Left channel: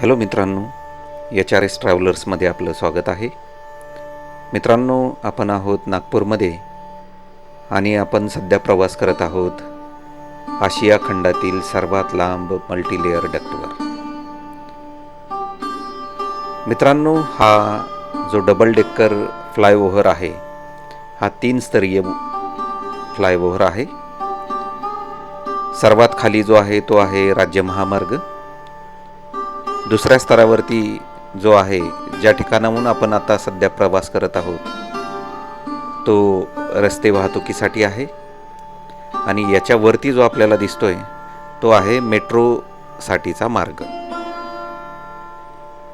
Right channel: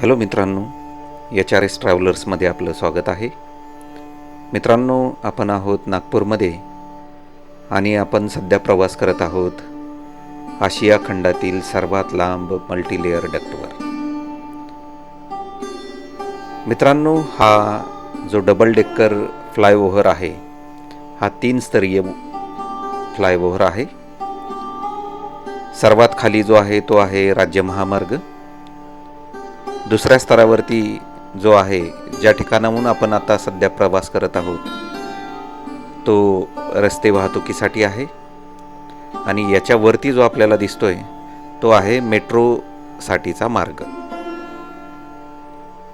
Hello मित्रांनो H R S ट्रॅव्हलर्समध्ये आपलं स्वागत आहे. मित्रांनो आपण आहोत नागपूरमध्ये आणि आपण सध्या प्रवास करत आहोत आशिया खंडातील सर्वात लांब मल्टीलेअर डक्टवर मित्रांनो हा जो डबल डेक्कर फ्लायओव्हर आहे हा तीन स्तरीय फ्लायओव्हर आहे. सर्वात खाली जो आहे तो आहे राज्य महामार्ग. दुसऱ्या स्तरावरती जो आहे ज्या ठिकाणाहून आपण आता सध्या प्रवास करत आहोत तो रस्ते वाहतुकीसाठी आहे. आणि याच्यावरती जो आपल्याला दिसतोय तो आहे मेट्रोसाठीचा मार्ग.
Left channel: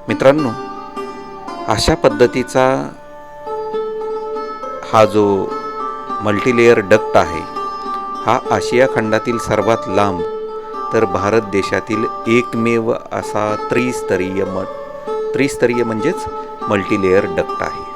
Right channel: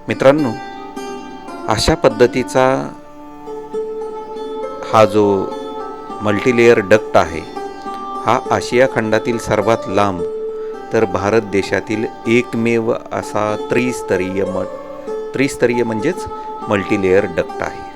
मित्रांनो अशा पद्धतीचा हा जो मल्टीलेयर डक्ट आहे हा आशिया खंडातील सर्वात लांब तर भारत देशातील एकमेव असा त्रिस्तरीय म त्रिस्तरीय म्हणजेच मल्टीलेयर डक्ट आहे.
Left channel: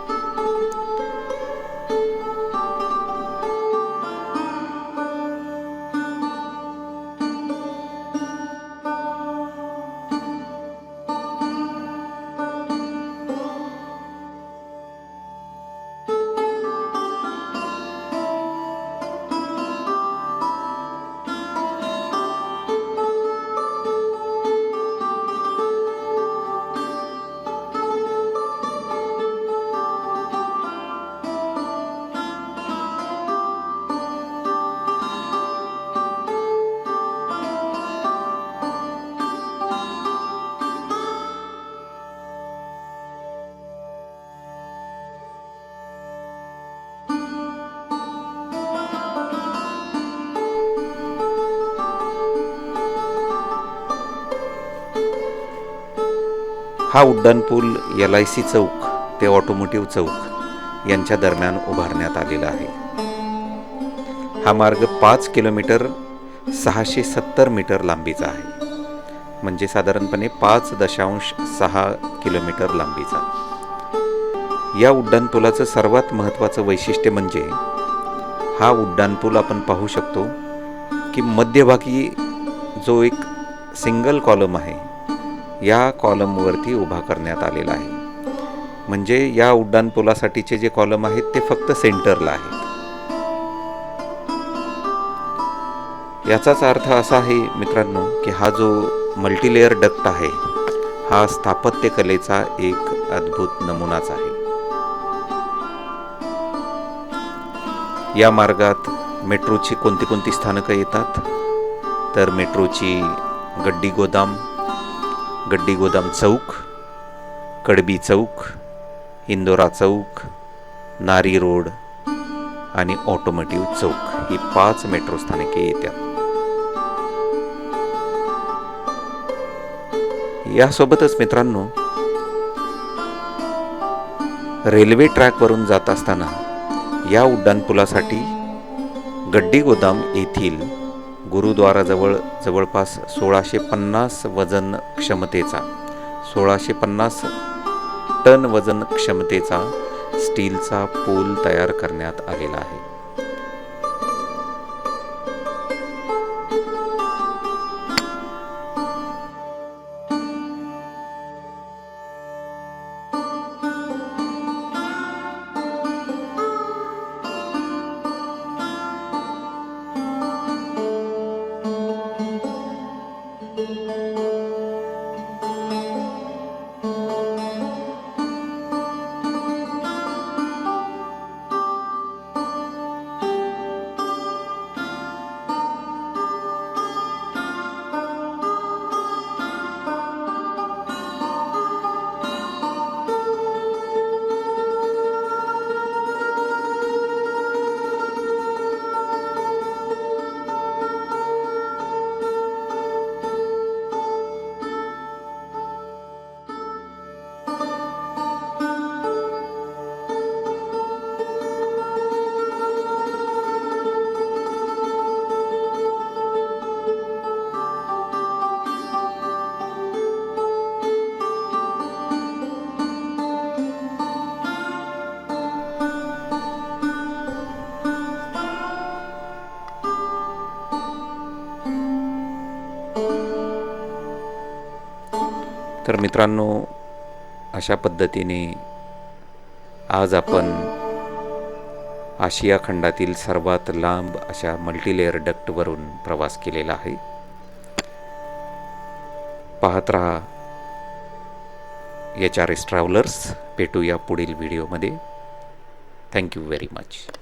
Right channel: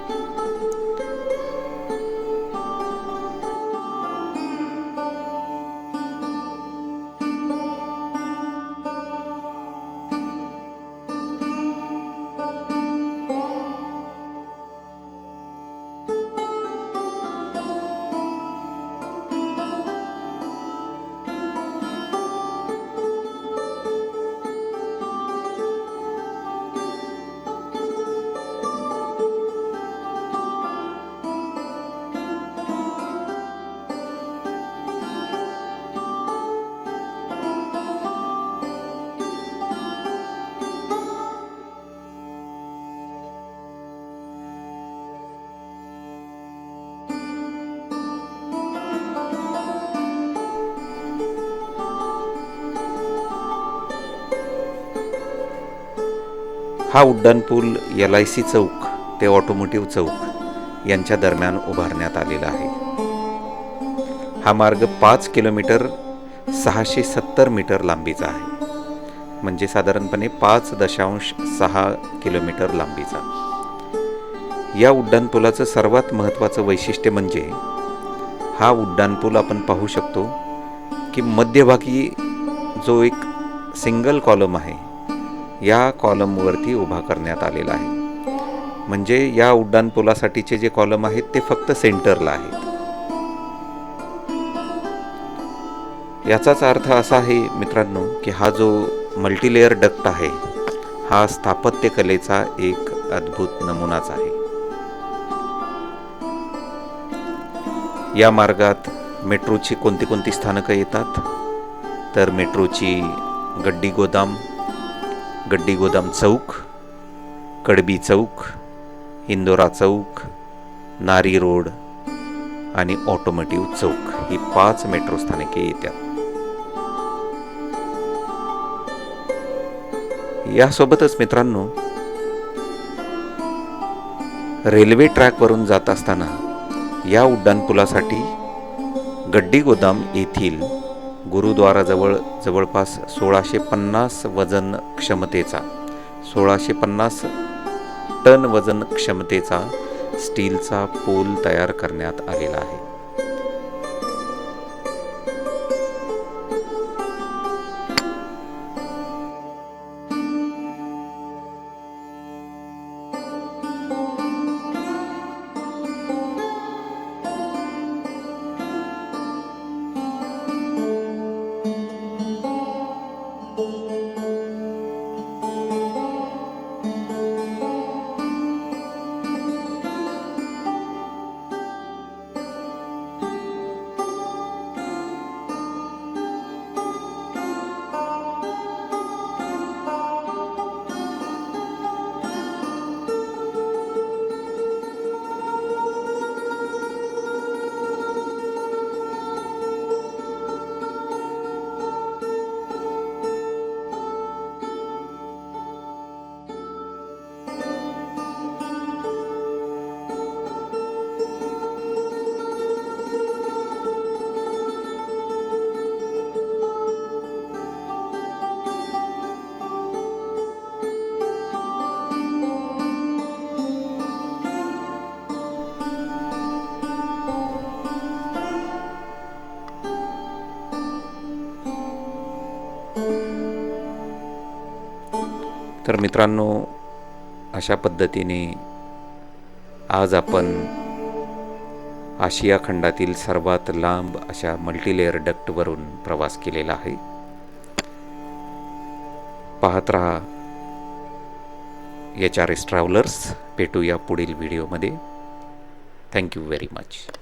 हा उड्डाणपूल एल आय सी चौक ते ऑटोमोटिव्ह चौक यांच्या दरम्यान उभारण्यात आलेला आहे. हा मार्ग पाच किलोमीटर सहाशे सत्तर मीटर लांबीचा आहे. म्हणजे साधारणपणे पाच दशांश सहा किलोमीटर लांबीचा. या उड्डाणपुलाचं सर्वात महत्त्वाचं वैशिष्ट्य म्हणजे हा उड्डाणपूल आपण पाहू शकतो की मध्यभागी जो एक सिंगल कॉलम आहे या कॉलमवरती उभा करण्यात आलेला आहे. म्हणजे या उड्डाणपुलासाठीचे जे कॉलम आहेत ते फक्त सेंटरला आहेत. याचाच अर्थ असा आहे मित्रांनो की हा जो मल्टीलेयर डक्ट आहे हा स्थापत्यकलेचा एक अद्भुत नमुनाच आहे. या मार्गात मेट्रोची कोणती कोणती स्थानकं येतात? तर मेट्रोची गड्डी गोदाम गड्डी गोदाम चौक कडबी चौक इंदोरा चौक नारी रोड आणि ऑटोमोटिव्ह चौक ही पाच मेट्रो स्थानके येतात यासोबतच मित्रांनो रेल्वे ट्रॅकवरून जात असताना या उड्डाणपुलासाठी गड्डी गोदाम येथील गुरुद्वाराजवळ जवळपास सोळाशे पन्नास वजन क्षमतेचा सोळाशे पन्नास टन वजन क्षमतेचा स्टीलचा पूल तयार करण्यात आलेला आहे. तर मित्रांनो अशा पद्धतीने आज आपण आशिया खंडातील सर्वात लांब अशा मल्टीलेअर डक्टवरून प्रवास केलेला आहे. पाहत रहा एच आर एस ट्रॅव्हलर्स भेटूया पुढील व्हिडिओमध्ये थँक्यू व्हेरी मच